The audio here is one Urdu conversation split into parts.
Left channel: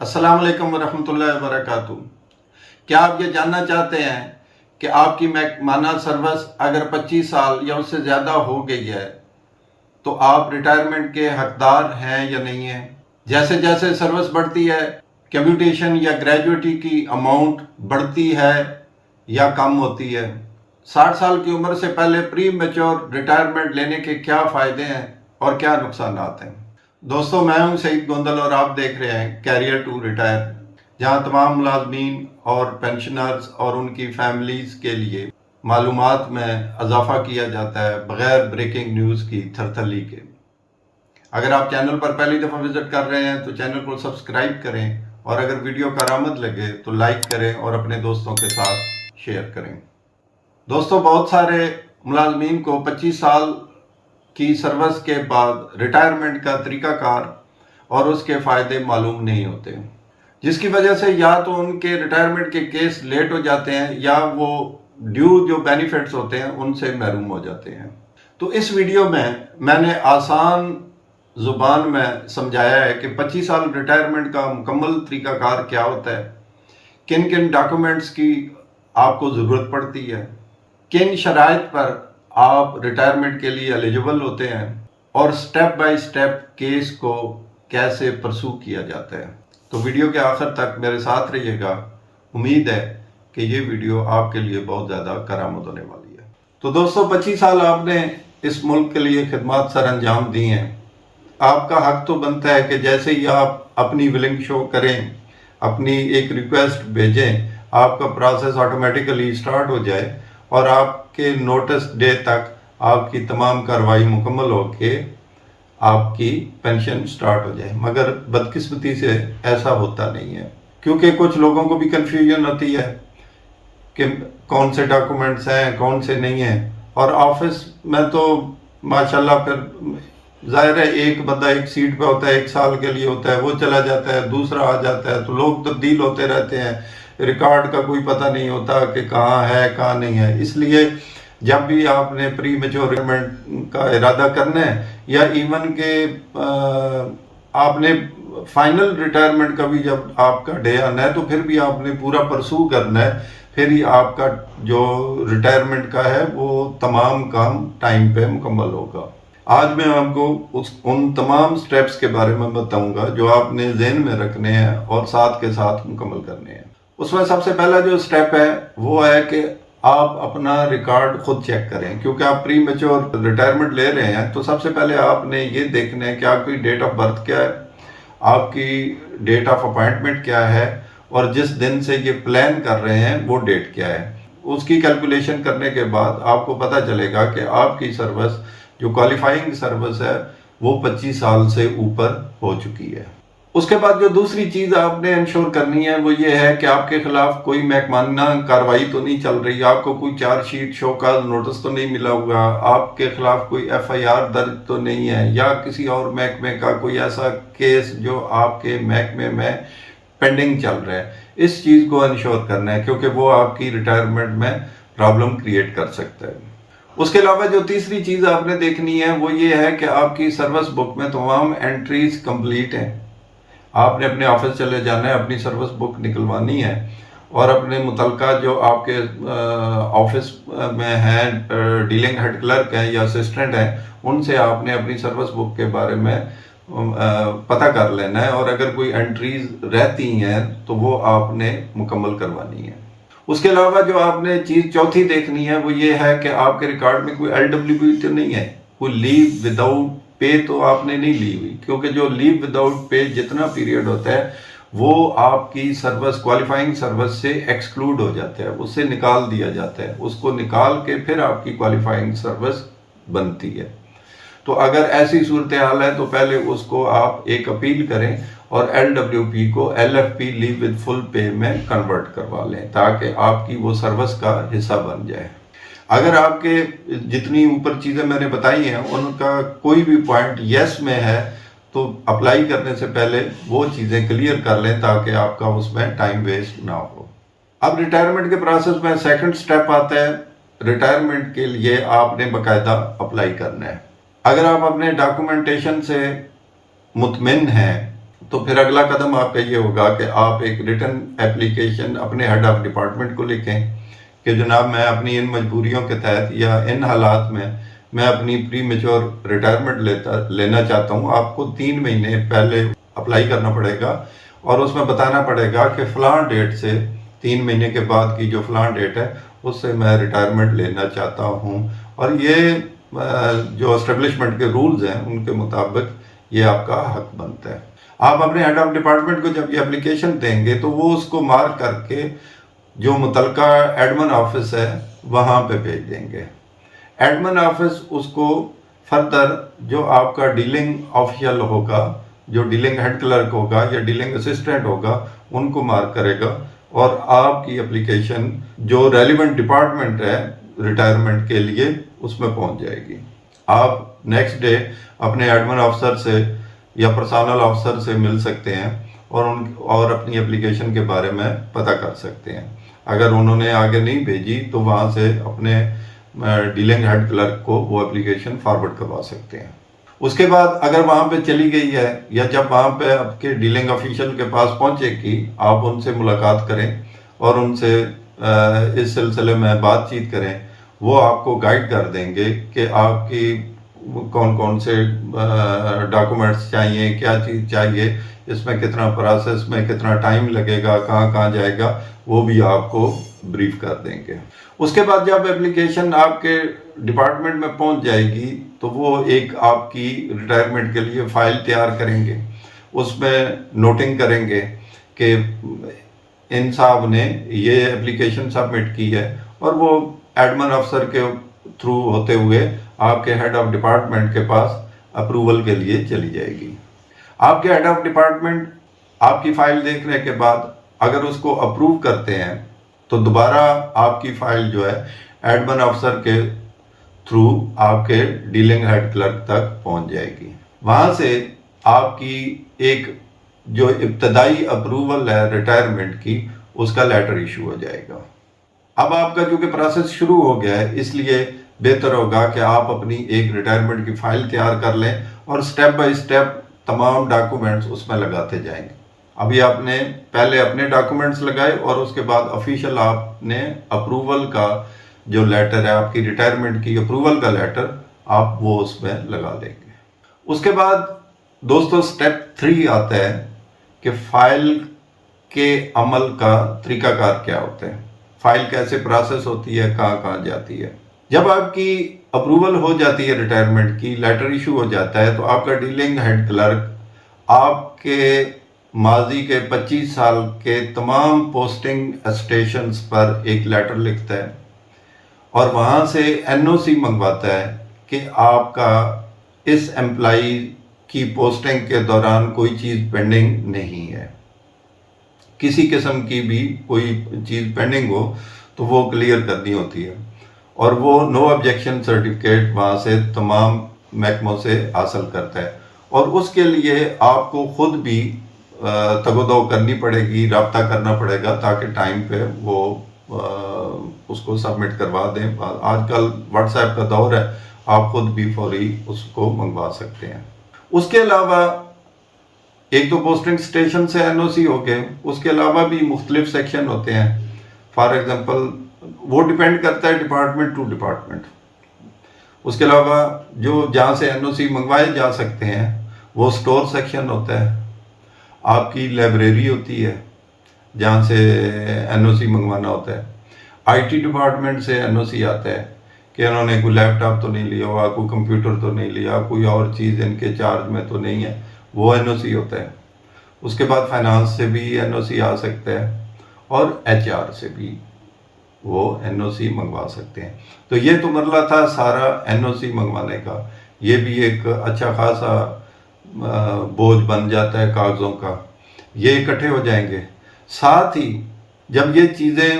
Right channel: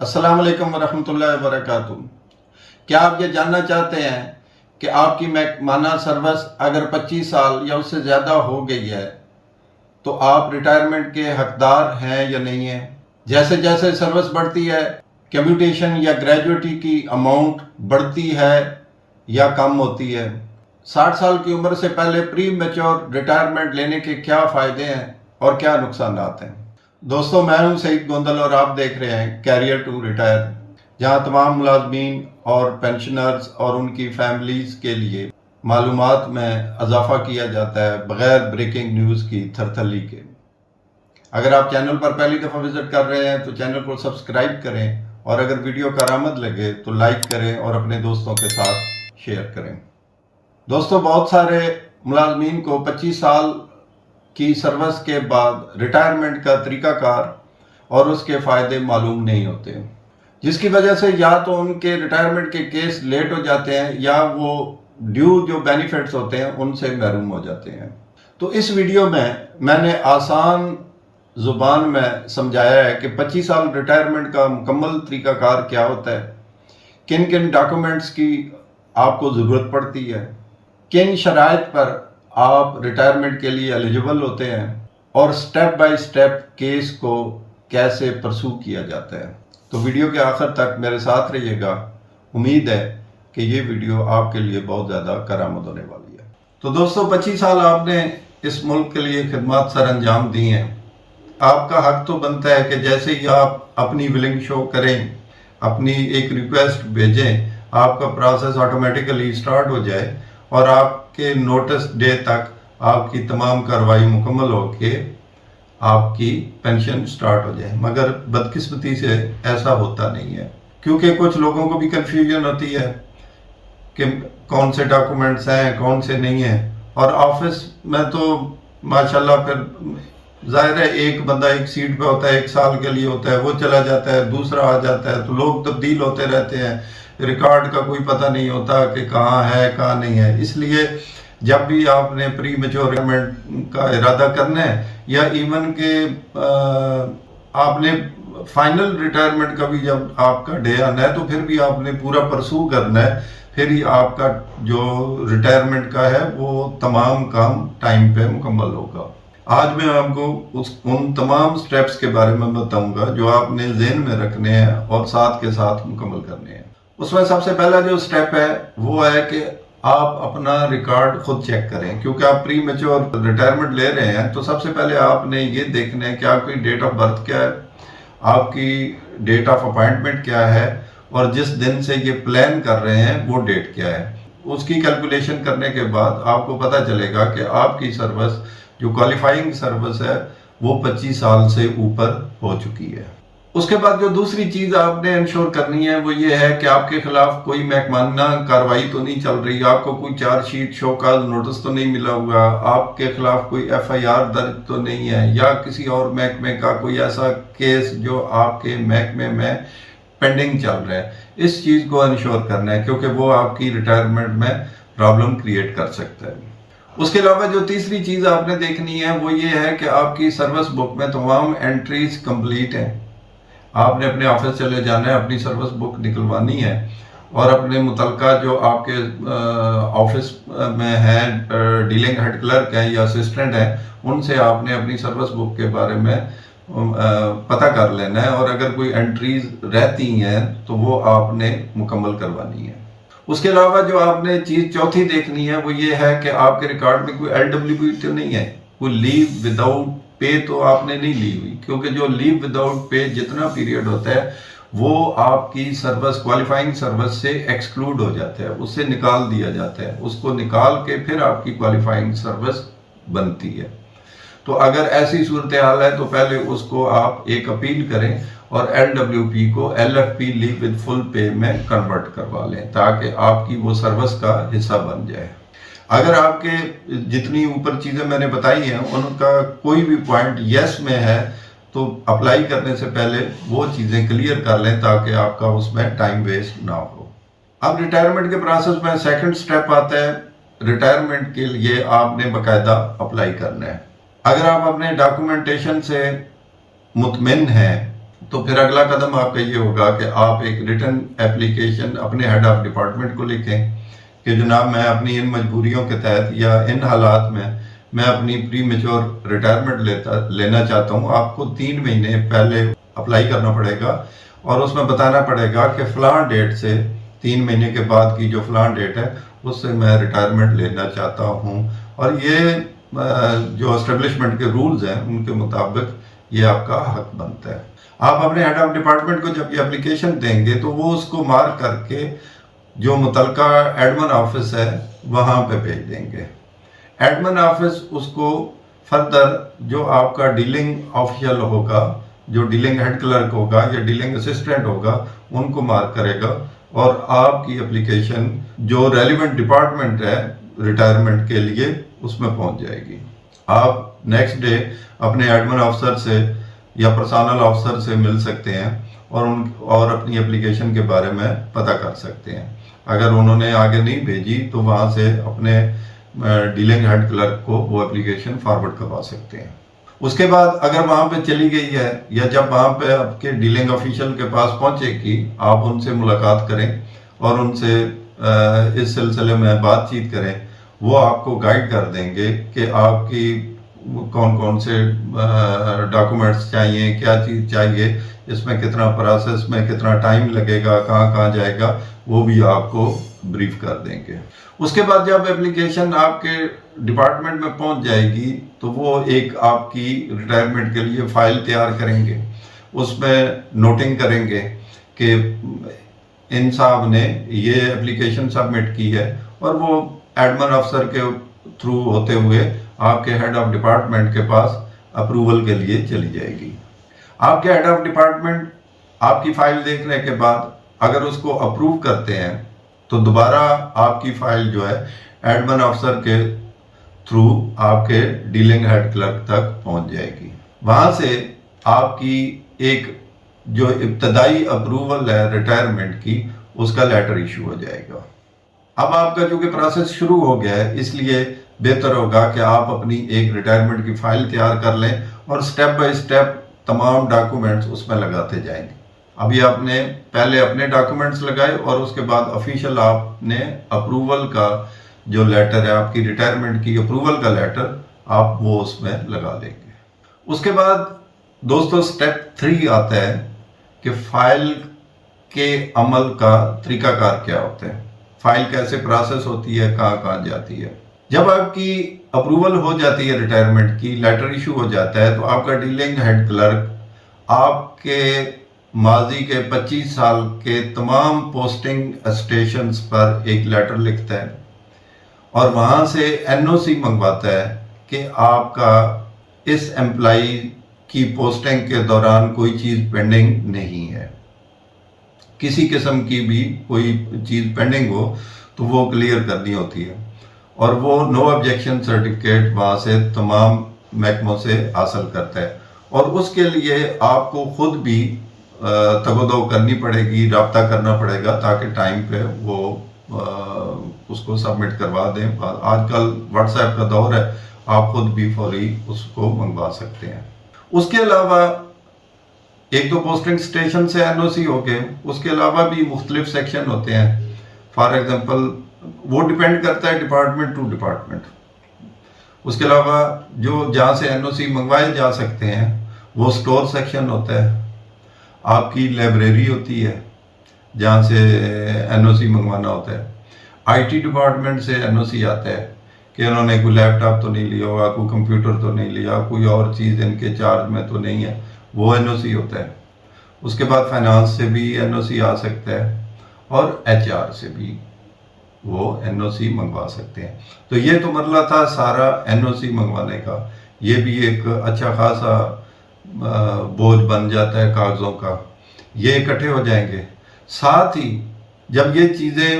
السلام علیکم ورحمۃ اللہ وبرکاتہ۔ کیا آپ یہ جاننا چاہتے ہیں کہ آپ کی ماہانہ سروس اگر 25 سال یا اس سے زیادہ ہو گئی ہے تو آپ ریٹائرمنٹ کے حقدار ہیں یا نہیں ہیں؟ جیسے جیسے سروس بڑھتی ہے کمیوٹیشن یا گریجویٹی کی اماؤنٹ بڑھتی ہے یا کم ہوتی ہے؟ 60 سال کی عمر سے پہلے پری میچور ریٹائرمنٹ لینے کے کیا فائدے ہیں اور کیا نقصانات ہیں؟ دوستو، میں ہوں سعید گوندل اور آپ دیکھ رہے ہیں کیریئر ٹو ریٹائر، جہاں تمام ملازمین اور پینشنرز اور ان کی فیملیز کے لیے معلومات میں اضافہ کیا جاتا ہے بغیر بریکنگ نیوز کی تھرتھلی کے۔ اگر آپ چینل پر پہلی دفعہ وزٹ کر رہے ہیں تو چینل کو سبسکرائب کریں، اور اگر ویڈیو کارآمد لگے تو لائک کریں اور اپنے دوستوں کے ساتھ شیئر کریں۔ دوستو، بہت سارے ملازمین کو 25 سال کی سروس کے بعد ریٹائرمنٹ کا طریقہ کار اور اس کے فائدے معلوم نہیں ہوتے، جس کی وجہ سے یا تو ان کے ریٹائرمنٹ کے کیس لیٹ ہو جاتے ہیں یا وہ ڈیو جو بینیفٹس ہوتے ہیں ان سے محروم ہو جاتے ہیں۔ تو اس ویڈیو میں نے آسان زبان میں سمجھایا ہے کہ 25 سال ریٹائرمنٹ کا مکمل طریقہ کار کیا ہوتا ہے، کن کن ڈاکومنٹس کی آپ کو ضرورت پڑتی ہے، کن شرائط پر آپ ریٹائرمنٹ کے لیے ایلیجیبل ہوتے ہیں، اور سٹیپ بائی سٹیپ کیس کو کیسے پرسو کیا جاتا ہے۔ تو ویڈیو کے آخر تک میرے ساتھ رہیے گا، امید ہے کہ یہ ویڈیو آپ کے لیے بہت زیادہ کارآمد ہونے والی ہے۔ تو دوستو، 25 سال آپ نے اس ملک کے لیے خدمات سر انجام دی ہیں۔ آپ کا حق تو بنتا ہے کہ جیسے ہی آپ اپنی ولنگ شو کریں، اپنی ایک ریکویسٹ بھیجیں، آپ کا پروسیس آٹومیٹیکلی سٹارٹ ہو جائے اور آپ کے نوٹس ڈے تک آپ کی تمام کارروائی مکمل ہو کے آپ کی پینشن سٹارٹ ہو جائے۔ مگر بدقسمتی سے ایسا ہوتا نہیں ہے، کیونکہ کچھ لوگوں کو بھی کنفیوژن ہوتی ہے کہ کون سے ڈاکومنٹس ہیں کون سے نہیں ہیں، اور آفس میں تو ماشاءاللہ پھر ظاہر ہے ایک بندہ ایک سیٹ پہ ہوتا ہے، 1 سال کے لیے ہوتا ہے، وہ چلا جاتا ہے، دوسرا آ جاتا ہے، تو لوگ تبدیل ہوتے رہتے ہیں، ریکارڈ کا کوئی پتہ نہیں ہوتا کہ کہاں ہے کہاں نہیں ہے۔ اس لیے جب بھی آپ نے پری میچور ریٹائرمنٹ کا ارادہ کرنا ہے، یا ایون کہ آپ نے فائنل ریٹائرمنٹ کا بھی جب آپ کا ڈے آنا ہے تو پھر بھی آپ نے پورا پرسو کرنا ہے، پھر ہی آپ کا جو ریٹائرمنٹ کا ہے وہ تمام کام ٹائم پہ مکمل ہوگا۔ آج میں آپ کو ان تمام سٹیپس کے بارے میں بتاؤں گا جو آپ نے ذہن میں رکھنے ہیں اور ساتھ کے ساتھ مکمل کرنے ہیں۔ اس میں سب سے پہلا جو سٹیپ ہے وہ ہے کہ آپ اپنا ریکارڈ خود چیک کریں، کیونکہ آپ پری میچور ریٹائرمنٹ لے رہے ہیں تو سب سے پہلے آپ نے یہ دیکھنا ہے کہ آپ کی ڈیٹ آف برتھ کیا ہے، آپ کی ڈیٹ آف اپائنٹمنٹ کیا ہے، اور جس دن سے یہ پلان کر رہے ہیں وہ ڈیٹ کیا ہے۔ اس کی کیلکولیشن کرنے کے بعد آپ کو پتہ چلے گا کہ آپ کی سروس جو کوالیفائنگ سروس ہے وہ 25 سال سے اوپر ہو چکی ہے۔ اس کے بعد جو دوسری چیز آپ نے انشور کرنی ہے وہ یہ ہے کہ آپ کے خلاف کوئی محکمانہ کارروائی تو نہیں چل رہی، آپ کو کوئی charge sheet show cause notice تو نہیں ملا ہوا، آپ کے خلاف کوئی ایف آئی آر درج تو نہیں ہے، یا کسی اور محکمے کا کوئی ایسا کیس جو آپ کے محکمے میں پینڈنگ چل رہا ہے۔ اس چیز کو انشور کرنا ہے، کیونکہ وہ آپ کی ریٹائرمنٹ میں پرابلم کریٹ کر سکتا ہے۔ اس کے علاوہ جو تیسری چیز آپ نے دیکھنی ہے وہ یہ ہے کہ آپ کی سروس بک میں تمام انٹریز کمپلیٹ ہیں۔ آپ نے اپنے آفس چلے جانا ہے، اپنی سروس بک نکلوانی ہے، اور اپنے متعلقہ جو آپ کے آفس میں ہیں ڈیلنگ ہیڈ کلرک ہیں یا اسسٹنٹ ہیں، ان سے آپ نے اپنی سروس بک کے بارے میں پتہ کر لینا ہے، اور اگر کوئی انٹریز رہتی ہیں تو وہ آپ نے مکمل کروانی ہے۔ اس کے علاوہ جو آپ نے چیز چوتھی دیکھنی ہے وہ یہ ہے کہ آپ کے ریکارڈ میں کوئی ایل ڈبلیو پی تو نہیں ہے، کوئی لیو وداؤٹ پے تو آپ نے نہیں لی ہوئی، کیونکہ جو لیو وداؤٹ پے جتنا پیریڈ ہوتا ہے وہ آپ کی سروس کوالیفائنگ سروس سے ایکسکلوڈ ہو جاتا ہے، اس سے نکال دیا جاتا ہے، اس کو نکال کے پھر آپ کی کوالیفائنگ سروس بنتی ہے۔ تو اگر ایسی صورتحال ہے تو پہلے اس کو آپ ایک اپیل کریں اور ایل ڈبلیو پی کو L F P leave with full pay میں کنورٹ کروا لیں، تاکہ آپ کی وہ سروس کا حصہ بن جائے۔ اگر آپ کے جتنی اوپر چیزیں میں نے بتائی ہیں ان کا کوئی بھی پوائنٹ یس میں ہے تو اپلائی کرنے سے پہلے وہ چیزیں کلیئر کر لیں تاکہ آپ کا اس میں ٹائم ویسٹ نہ ہو۔ اب ریٹائرمنٹ کے پروسیس میں سیکنڈ سٹیپ آتا ہے، ریٹائرمنٹ کے لیے آپ نے باقاعدہ اپلائی کرنا ہے۔ اگر آپ اپنے ڈاکومنٹیشن سے مطمئن ہیں تو پھر اگلا قدم آپ کا یہ ہوگا کہ آپ ایک ریٹن ایپلیکیشن اپنے ہیڈ آف ڈپارٹمنٹ کو لکھیں کہ جناب میں اپنی ان مجبوریوں کے تحت یا ان حالات میں اپنی پری میچور ریٹائرمنٹ لینا چاہتا ہوں. آپ کو 3 مہینے پہلے اپلائی کرنا پڑے گا اور اس میں بتانا پڑے گا کہ فلاں ڈیٹ سے 3 مہینے کے بعد کی جو فلاں ڈیٹ ہے اس سے میں ریٹائرمنٹ لینا چاہتا ہوں. اور یہ جو اسٹیبلشمنٹ کے رولز ہیں ان کے مطابق یہ آپ کا حق بنتا ہے. آپ اپنے ہیڈ آف ڈپارٹمنٹ کو جب یہ اپلیکیشن دیں گے تو وہ اس کو مارک کر کے جو متعلقہ ایڈمن آفس ہے وہاں پہ بھیج دیں گے. ایڈمن آفس اس کو فردر جو آپ کا ڈیلنگ آفیشل ہوگا، جو ڈیلنگ ہیڈ کلرک ہوگا یا ڈیلنگ اسسٹنٹ ہوگا، ان کو مارک کرے گا اور آپ کی اپلیکیشن جو ریلیونٹ ڈپارٹمنٹ ہے ریٹائرمنٹ کے لیے اس میں پہنچ جائے گی. آپ نیکسٹ ڈے اپنے ایڈمن آفسر سے یا پرسونل آفسر سے مل سکتے ہیں اور اپنی اپلیکیشن کے بارے میں پتہ کر سکتے ہیں. اگر انہوں نے آگے نہیں بھیجی تو وہاں سے اپنے ڈیلنگ ہیڈ کلرک کو وہ اپلیکیشن فارورڈ کروا سکتے ہیں. اس کے بعد اگر وہاں پہ چلی گئی ہے یا جب وہاں پہ آپ کے ڈیلنگ آفیشل کے پاس پہنچے گی، آپ ان سے ملاقات کریں اور ان سے اس سلسلے میں بات چیت کریں. وہ آپ کو گائیڈ کر دیں گے کہ آپ کی کون کون سے ڈاکومنٹس چاہیے، کیا چیز چاہیے، اس میں کتنا پروسیس میں کتنا ٹائم لگے گا، کہاں کہاں جائے گا، وہ بھی آپ کو بریف کر دیں گے. اس کے بعد جب اپلیکیشن آپ کے ڈپارٹمنٹ میں پہنچ جائے گی تو وہ ایک آپ کی ریٹائرمنٹ کے لیے فائل تیار کریں گے. اس میں نوٹنگ کریں گے کہ ان صاحب نے یہ اپلیکیشن سبمٹ کی ہے اور وہ ایڈمن افسر کے تھرو ہوتے ہوئے آپ کے ہیڈ آف ڈپارٹمنٹ کے پاس اپروول کے لیے چلی جائے گی. آپ کے ہیڈ آف ڈپارٹمنٹ آپ کی فائل دیکھنے کے بعد اگر اس کو اپروو کرتے ہیں تو دوبارہ آپ کی فائل جو ہے ایڈمن افسر کے تھرو آپ کے ڈیلنگ ہیڈ کلرک تک پہنچ جائے گی. وہاں سے آپ کی ایک جو ابتدائی اپروول ہے ریٹائرمنٹ کی اس کا لیٹر ایشو ہو جائے گا. اب آپ کا چونکہ پروسیس شروع ہو گیا ہے اس لیے بہتر ہوگا کہ آپ اپنی ایک ریٹائرمنٹ کی فائل تیار کر لیں اور سٹیپ بائی سٹیپ تمام ڈاکومنٹس اس میں لگاتے جائیں گے. ابھی آپ نے پہلے اپنے ڈاکومنٹس لگائے اور اس کے بعد آفیشیل آپ نے اپروول کا جو لیٹر ہے آپ کی ریٹائرمنٹ کی اپروول کا لیٹر آپ وہ اس میں لگا دیں گے. اس کے بعد دوستو سٹیپ 3 آتا ہے کہ فائل کے عمل کا طریقہ کار کیا ہوتا ہے، فائل کیسے پروسیس ہوتی ہے، کہاں کہاں جاتی ہے. جب آپ کی اپروول ہو جاتی ہے ریٹائرمنٹ کی، لیٹر ایشو ہو جاتا ہے تو آپ کا ڈیلنگ ہیڈ کلرک آپ کے ماضی کے 25 سال کے تمام پوسٹنگ اسٹیشنز پر ایک لیٹر لکھتا ہے اور وہاں سے NOC منگواتا ہے کہ آپ کا اس امپلائی کی پوسٹنگ کے دوران کوئی چیز پینڈنگ نہیں ہے. کسی قسم کی بھی کوئی چیز پینڈنگ ہو تو وہ کلیئر کرنی ہوتی ہے اور وہ نو آبجیکشن سرٹیفکیٹ وہاں سے تمام محکموں سے حاصل کرتا ہے. اور اس کے لیے آپ کو خود بھی تگ و دو کرنی پڑے گی، رابطہ کرنا پڑے گا تاکہ ٹائم پہ وہ اس کو سبمٹ کروا دیں. آج کل واٹس ایپ کا دور ہے، آپ خود بھی فوری اس کو منگوا سکتے ہیں. اس کے علاوہ ایک تو پوسٹنگ اسٹیشن سے NOC ہو گئے، اس کے علاوہ بھی مختلف سیکشن ہوتے ہیں. فار ایگزامپل وہ ڈیپینڈ کرتا ہے ڈپارٹمنٹ ٹو ڈپارٹمنٹ. اس کے علاوہ جو جہاں سے NOC منگوائے جا سکتے ہیں وہ سٹور سیکشن ہوتا ہے. آپ کی لائبریری ہوتی ہے جہاں سے NOC منگوانا ہوتا ہے. IT ڈپارٹمنٹ سے NOC آتا ہے کہ انہوں نے کوئی لیپ ٹاپ تو نہیں لیا ہوا، کوئی کمپیوٹر تو نہیں لیا، کوئی اور چیز ان کے چارج میں تو نہیں ہے، وہ NOC ہوتا ہے. اس کے بعد فائنانس سے بھی NOC آ سکتا ہے اور HR سے بھی وہ NOC منگوا سکتے ہیں. تو یہ تو مرحلہ تھا سارا NOC منگوانے کا. یہ بھی ایک اچھا خاصا بوجھ بن جاتا ہے کاغذوں کا. یہ اکٹھے ہو جائیں گے. ساتھ ہی جب یہ چیزیں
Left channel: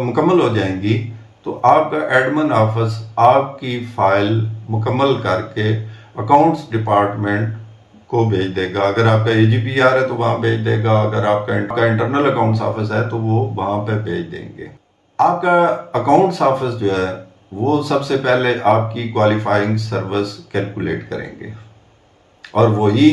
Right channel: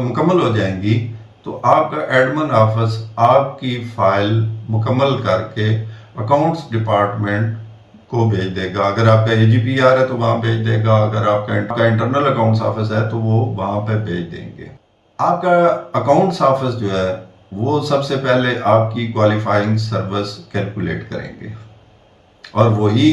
مکمل ہو جائیں گی تو آپ کا ایڈمن آفس آپ کی فائل مکمل کر کے اکاؤنٹس ڈپارٹمنٹ کو بھیج دے گا. اگر آپ کا AGPR ہے تو وہاں بھیج دے گا، اگر آپ کا انٹرنل اکاؤنٹس آفس ہے تو وہ وہاں پہ بھیج دیں گے. آپ کا اکاؤنٹس آفس جو ہے وہ سب سے پہلے آپ کی کوالیفائنگ سروس کیلکولیٹ کریں گے اور وہی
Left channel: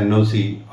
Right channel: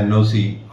NOC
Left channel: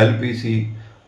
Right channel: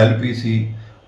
LPC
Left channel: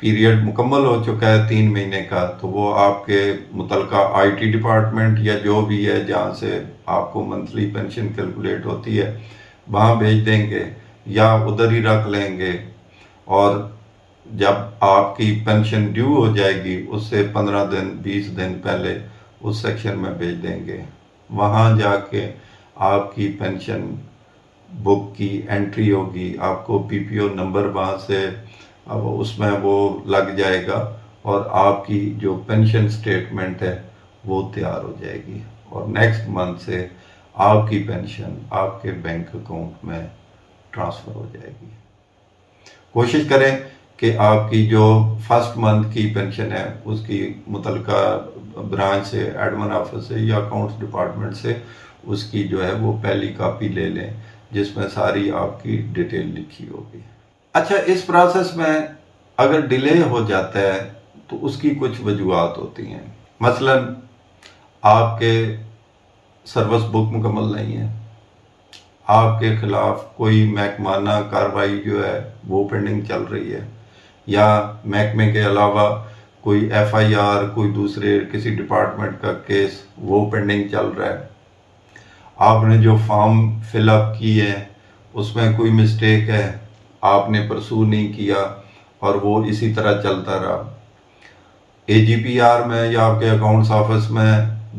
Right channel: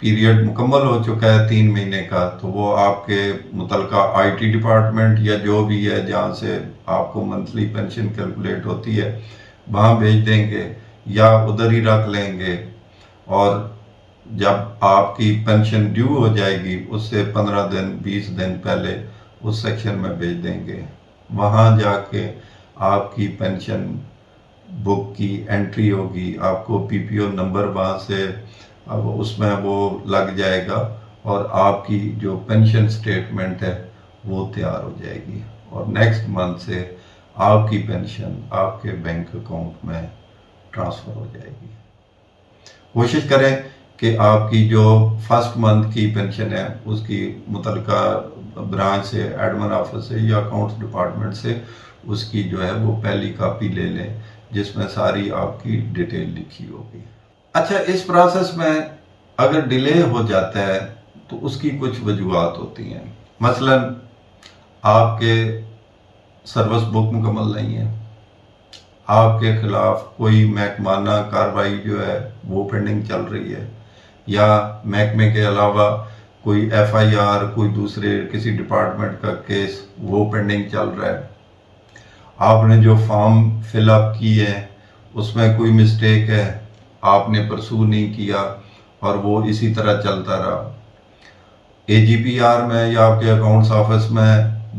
پیریڈ مکمل ہو چکا ہے 3 مہینے کا، تو وہ آپ کے متعلقہ آئی ٹی ڈپارٹمنٹ یا جو بھی ہے جہاں سے آپ کو منتھلی پینشن کیلکولیٹ ہوتی ہے وہاں بھیج دیں گے یا ادھر ہی رکھ لیں گے، اور جب آپ کی پینشن ڈیو ہو جائے گی اس سے 15 دن 20 دن پہلے اس سیکشن میں بھیج دیں گے. وہاں جا کے آپ کی پینشن بک کی انٹری ہوگی، آپ کو پی پی او نمبر وہاں سے اس میں وہ لگ جائے گا، اور آپ کی جو پینشن سٹیٹمنٹ ہے وہ تیار ہو جائے گی، اور نیکسٹ منتھ سے آپ کی پینشن آپ کے بینک اکاؤنٹ میں ٹرانسفر ہو جائے گی. کوشش کریں کہ آپ کی جو فرسٹ منتھ کی پینشن ہے اس کی متعلقہ برانچ سے، ایڈمن آفس سے یا اکاؤنٹس ڈپارٹمنٹ سے اس کی جو ہے وہ پہلی کاپی لے لیں جس میں ساری آپ کی ڈیٹیل لکھی ہوگی. اچھا، اس پروسیس میں اگر ڈیلے ہو جاتا ہے تو اس کی کچھ وجوہات ہوتی ہیں. مثلا آپ کے سروس بک مکمل نہیں ہے، آپ کے خلاف کوئی محکمانہ کارروائی جو ہے وہ پینڈنگ چل رہی ہے، یا محکمے کے علاوہ کوئی ایف آئی آر، کوئی دوسرے کسی ڈپارٹمنٹ کا کیس وہ پینڈنگ چل رہا ہے، آپ نے جو فارم فل اپ کی ہے اس میں کوئی مسٹیک ہے، آپ نے پرسو نہیں کیا اور وہ اسی طرح چلتا رہا، اے جی پی آر میں یا آپ کے اکاؤنٹس آفس میں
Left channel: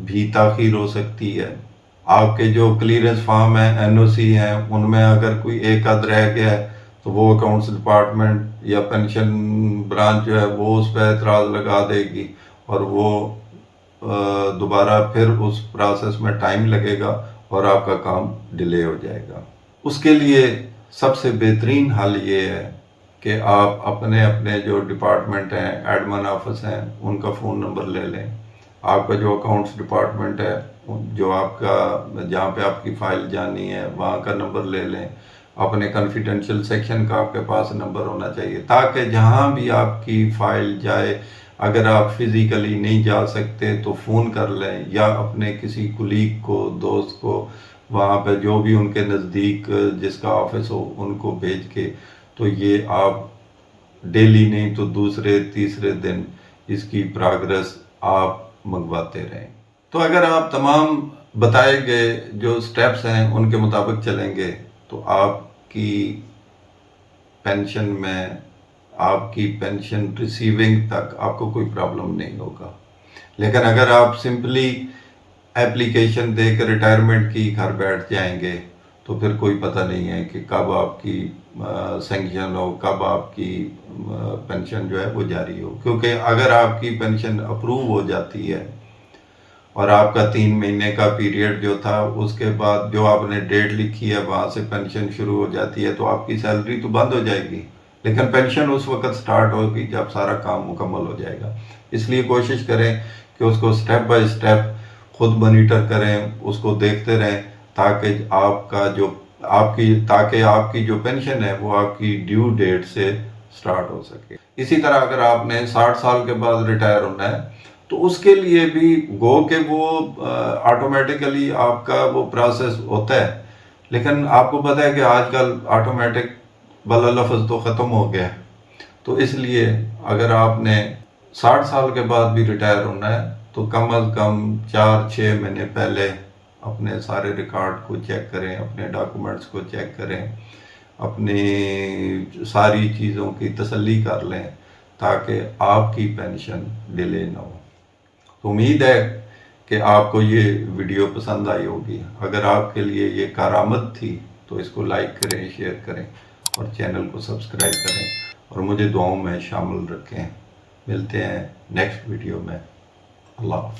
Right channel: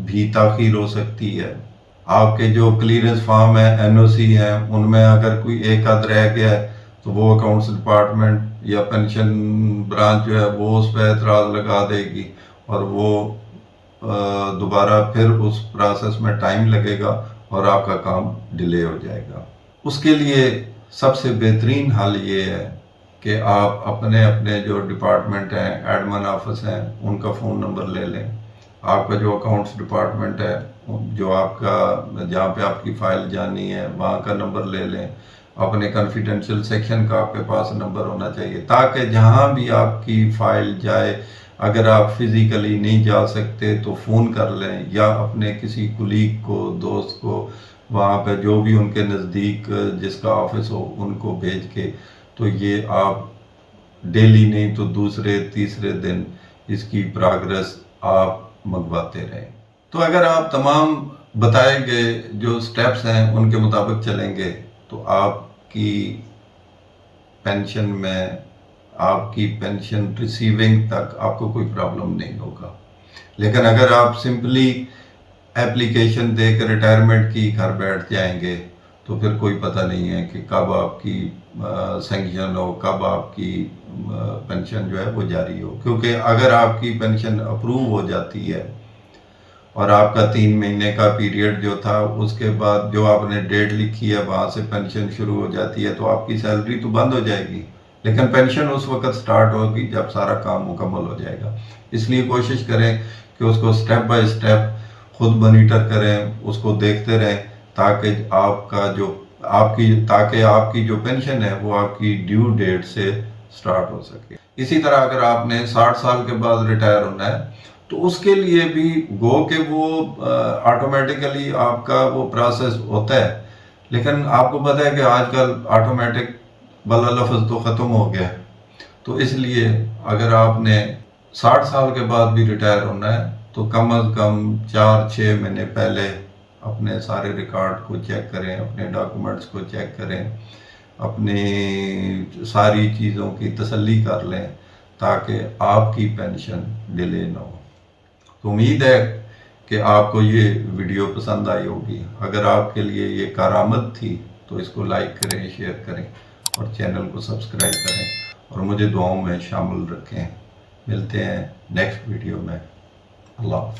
بھی تاخیر ہو سکتی ہے، آپ کے جو کلیئرنس فارم ہیں، این او سی ہیں، ان میں اگر کوئی ایک آدھ رہ گیا ہے تو وہ اکاؤنٹس ڈپارٹمنٹ یا پینشن برانچ جو ہے وہ اس پہ اعتراض لگا دے گی، اور وہ دوبارہ پھر اس پروسیس میں ٹائم لگے گا اور آپ کا کام ڈیلے ہو جائے گا. اس کے لیے سب سے بہترین حل یہ ہے کہ آپ اپنے جو ڈپارٹمنٹ ہیں، ایڈمن آفس ہیں، ان کا فون نمبر لے لیں. آپ کا جو اکاؤنٹس ڈپارٹمنٹ ہے، جو آپ کا جہاں پہ آپ کی فائل جانی ہے وہاں کا نمبر لے لیں. اپنے کنفیڈینشیل سیکشن کا آپ کے پاس نمبر ہونا چاہیے تاکہ جہاں بھی آپ کی فائل جائے، اگر آپ فزیکلی نہیں جا سکتے تو فون کر لیں یا اپنے کسی کولیگ کو، دوست کو وہاں پہ جو بھی ان کے نزدیک جس کا آفس ہو ان کو بھیج کے، تو یہ آپ ڈیلی نہیں تو دوسرے تیسرے دن اس کی پراگرس آپ منگواتے رہیں. تو اگر آپ تمام بتائے گئے جو سٹیپس ہیں ان کے مطابق چلیں گے تو آپ کی پینشن میں، آپ کی پینشن ریسیونگ تک آپ کو کوئی پرابلم نہیں ہوگا. لیکن اگر آپ سمپلی ایپلیکیشن دے کے ریٹائرمنٹ کی گھر بیٹھ جائیں گے تو پھر کوئی پتہ نہیں ہے کہ کب آپ کی سینکشن ہو، کب آپ کی پینشن جو ہے وہ جاری ہو. کیونکہ اگر آپ کی پینشن اپروو ہو جاتی ہے اور آپ کا 3 مہینے کا پیریڈ جو تھا اس کے بعد جو آپ نے ڈیٹ لکھی ہے وہاں سے پینشن شروع ہو جاتی ہے تو آپ کی سیلری تو بند ہو جائے گی، لیکن پینشن اس وقت سٹارٹ ہوگی جب سارا کام مکمل ہو جائے گا. اس لیے کوشش کریں کہ اس کو سٹیپ بائی سٹیپ خود مانیٹر کریں، اس کو دیکھتے رہیں تاکہ آپ کی جو پینشن ہے وہ آپ کی ڈیو ڈیٹ سے سٹارٹ ہو سکے. اسی طرح اگر آپ نے 60 سال کے بعد ریٹائر ہونا ہے تو اس کے لیے بھی گو کہ وہ آٹومیٹیکلی آپ کا وہ پروسیس ہوتا ہے، لیکن آپ کو پتہ ہے کہ آج کل آٹومیٹک والا لفظ تو ختم ہو گیا ہے. تو اس لیے اگر آپ نے 60 سال کے بعد بھی ریٹائر ہونا ہے تو کم از کم 4-6 مہینے پہلے اپنے سارے ریکارڈ کو چیک کریں، اپنے ڈاکومنٹس کو چیک کریں، اپنی ساری چیزوں کی تسلی کر لیں تاکہ آپ کی پینشن ڈیلے نہ ہو. امید ہے کہ آپ کو یہ ویڈیو پسند آئی ہوگی. اگر آپ کے لیے یہ کارآمد تھی تو اس کو لائک کریں، شیئر کریں اور چینل کو سبسکرائب کریں اور مجھے دعاؤں میں شامل رکھیں. ملتے ہیں نیکسٹ ویڈیو میں. اللہ حافظ.